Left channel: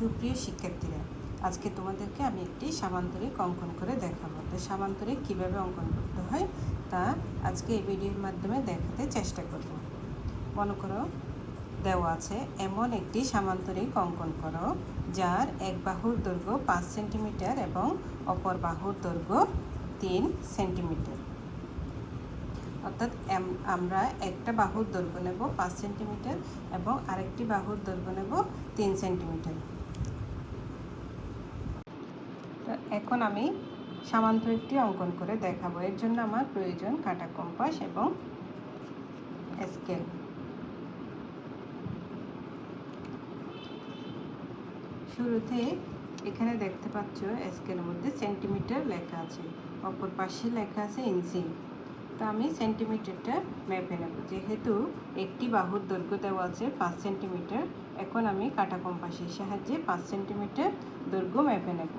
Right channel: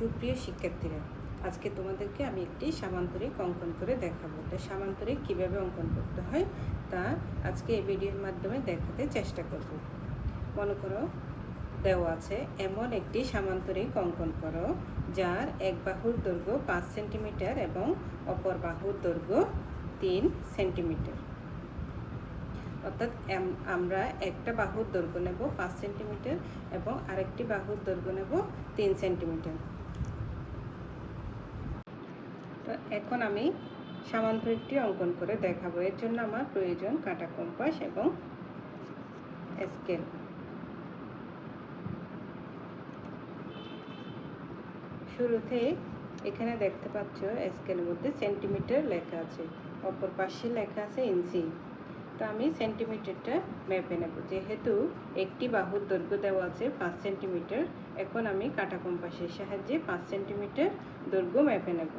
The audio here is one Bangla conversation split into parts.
সুপ্রিয় শিক্ষার্থীরা, আজকে তোমাদেরকে আমি একটি সামান্তরিক অঙ্কন করে দেখাবো। তো সামান্তরিক কীভাবে অঙ্কন করতে হয় তা আজকে এই ভিডিওর মাধ্যমে দেখাতে চেষ্টা করব। মনে করো দেওয়া আছে এমন একটি সামান্তরিক অঙ্কন করো যার এক বাহুর দৈর্ঘ্য 5 সেন্টিমিটার এবং অপর বাহুর দৈর্ঘ্য 3 সেন্টিমিটার। অর্থাৎ আমরা একটা বাহুর দৈর্ঘ্য নেব 5 সেন্টিমিটার এবং আরেকটি বাহুর দৈর্ঘ্য নেব 3 সেন্টিমিটার। তো এখন আমি সামান্তরিকটি অঙ্কন করে দেখাবো। এর জন্য আমার প্রয়োজন কাঁটা কম্পাস এবং স্কেল। শুরুতে এখানে দেখতে পাচ্ছ স্কেলের মধ্যে সেন্টিমিটার লেখা আছে, অপর পাশে লেখা আছে ইঞ্চি। তো আমি সেন্টিমিটারটা মেপে নেব। যেহেতু একটি বাহুর দৈর্ঘ্য দেওয়া আছে 5 সেন্টিমিটার, এখন আমি কাঁটা কম্পাসের সাহায্যে 5 সেন্টিমিটার দৈর্ঘ্য মেপে নেব।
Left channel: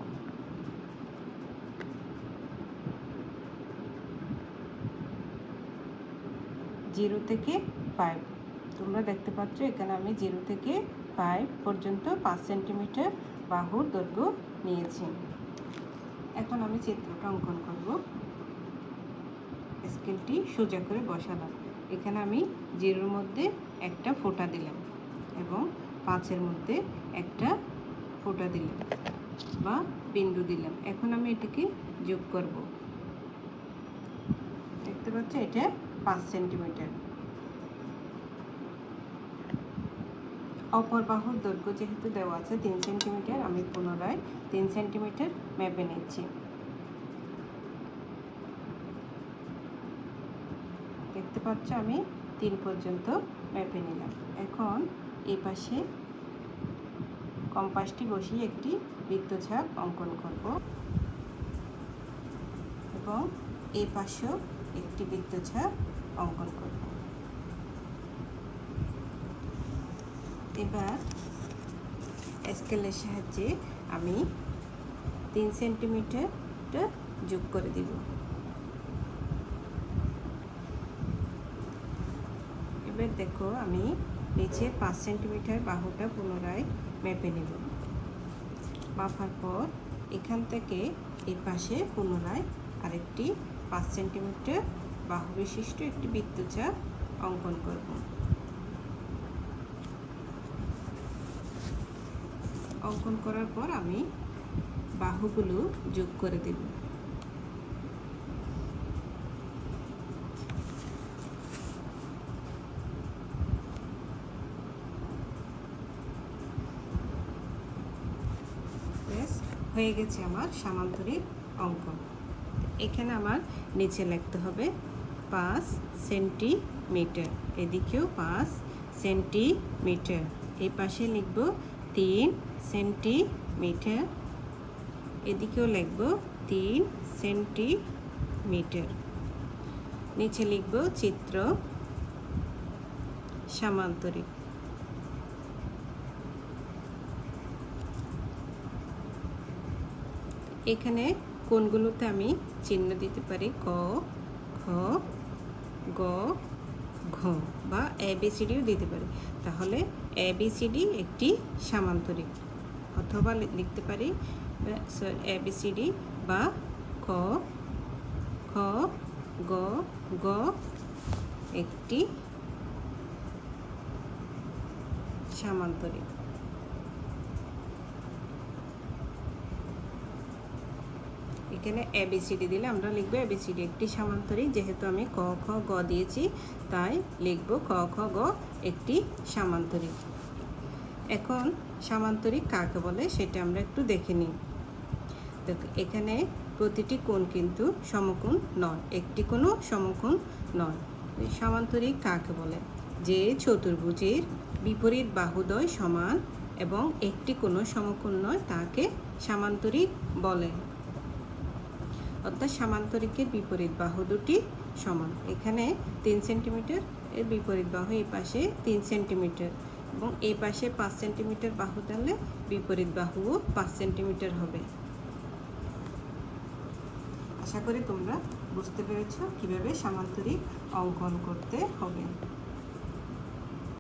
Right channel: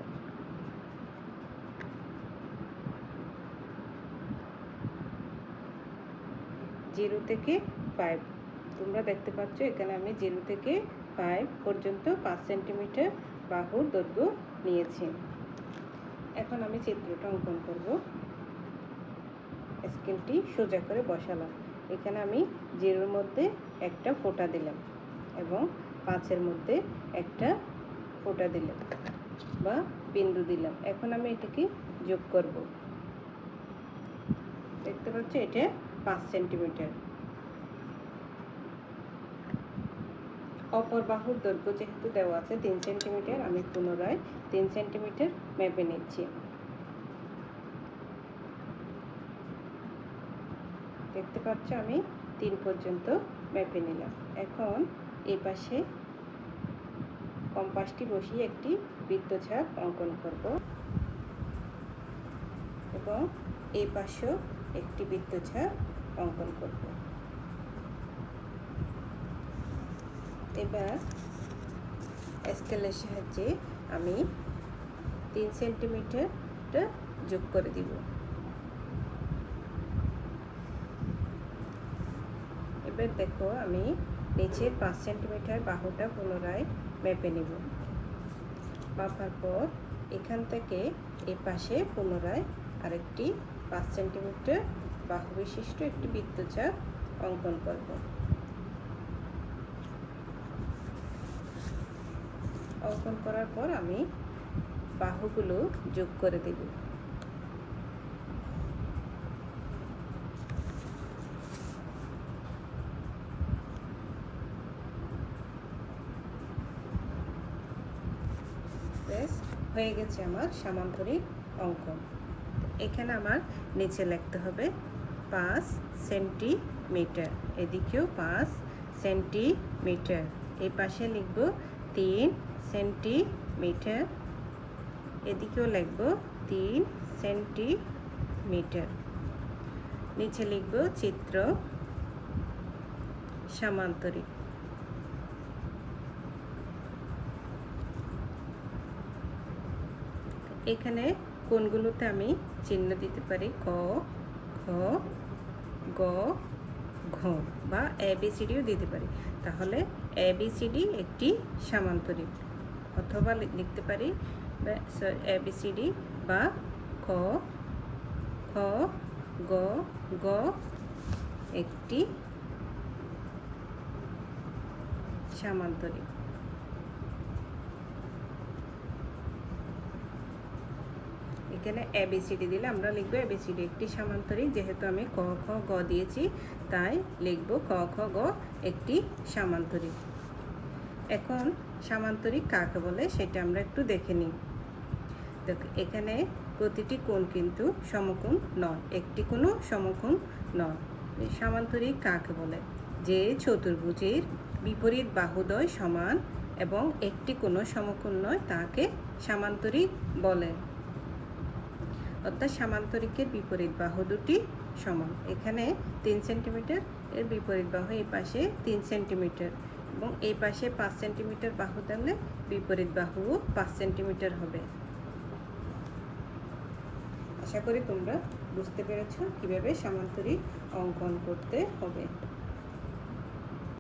জিরো থেকে 5, তোমরা দেখতে পাচ্ছ এখানে আমি 0 থেকে 5 পর্যন্ত 5 সেন্টিমিটার বাহুর দৈর্ঘ্য নিয়েছি। এখন আমি চিত্রটা অঙ্কন করব। স্কেলটি সোজা করে বসালাম। এখানে আমি 0-র মধ্যে একটা ফোঁটা দিলাম এবং 5-এর মধ্যে একটা ফোঁটা দিলাম বা বিন্দু দিলাম। এখন আমি এটিকে যোগ করব। দেখতে পাচ্ছ এটা 5 সেন্টিমিটার। অপর বাহুর দৈর্ঘ্য যেহেতু দেওয়া আছে 3 সেন্টিমিটার, আমি পুনরায় 3 সেন্টিমিটার মেপে নিচ্ছি। দেখতে পাচ্ছ আমি 3 পর্যন্ত মেপে নিলাম। এখন এই পাশে কম্পাসটি বসিয়ে একটি বৃত্তচাপ অঙ্কন করব এবং এই পাশেও একটি বৃত্তচাপ অঙ্কন করব। এবার স্কেলের সাহায্যে আমি 3 সেন্টিমিটারটা যোগ করে দিব। এবার দেখো আমি নিচে 5 সেন্টিমিটার বাহুটা পুনরায় মেপে নেব। মাপার পর এখান থেকে এই পাশে পুনরায় আরেকটি 5 সেন্টিমিটার বাহু বিশিষ্ট একটি বৃত্তচাপ অঙ্কন করব। অঙ্কন করার পর আমি বাহুগুলো যোগ করে দেব। হয়ে গেছে আমার সামান্তরিক অঙ্কন। এখানে আমার নিচে লিখতে হবে 5 সেন্টিমিটার, এদিকেও 5 সেন্টিমিটার, এই পাশে লিখব 3 সেন্টিমিটার, এদিকেও লিখব 3 সেন্টিমিটার। নিচে লিখব চিত্র সামান্তরিক। এখানে কোণগুলোতে আমি চিহ্ন দিতে পারি ক, খ, গ, ঘ বা ABCDও দিতে পারি। তাহলে ABCD একটি সামান্তরিক, অথবা লিখতে পারি ABCD বা ক, খ, গ, ঘ একটি সামান্তরিক। এখানে ABCD দিলে আমরা লিখব ABCD একটি সামান্তরিক। যেহেতু আমি ক, খ, গ দিয়েছি তাই লিখব ক, খ, গ একটি সামান্তরিক। এখন সামান্তরিক কাকে বলে সেটা আমরা একটু দেখে নিই। তো এখানে প্রতিটি কোণ কিন্তু সমকোণ নয়, একটি কোণও সমকোণ নয়। সামান্তরিক কাকে বলে? যে চতুর্ভুজের বিপরীত বাহুদ্বয় সমান এবং একটি কোণও সমকোণ নয় তাকে সামান্তরিক বলে। অর্থাৎ সামান্তরিকের বিপরীত বাহু দুটি সমান। এখানে 3 সেন্টিমিটার, এর বিপরীত বাহু এই পাশে 3 সেন্টিমিটার এবং এই পাশে 5 সেন্টিমিটার বাহু দিলে বিপরীত বাহুও 5 সেন্টিমিটার হবে। আশা করি তোমরা বুঝতে পেরেছ কিভাবে সামান্তরিক অঙ্কন করতে হবে।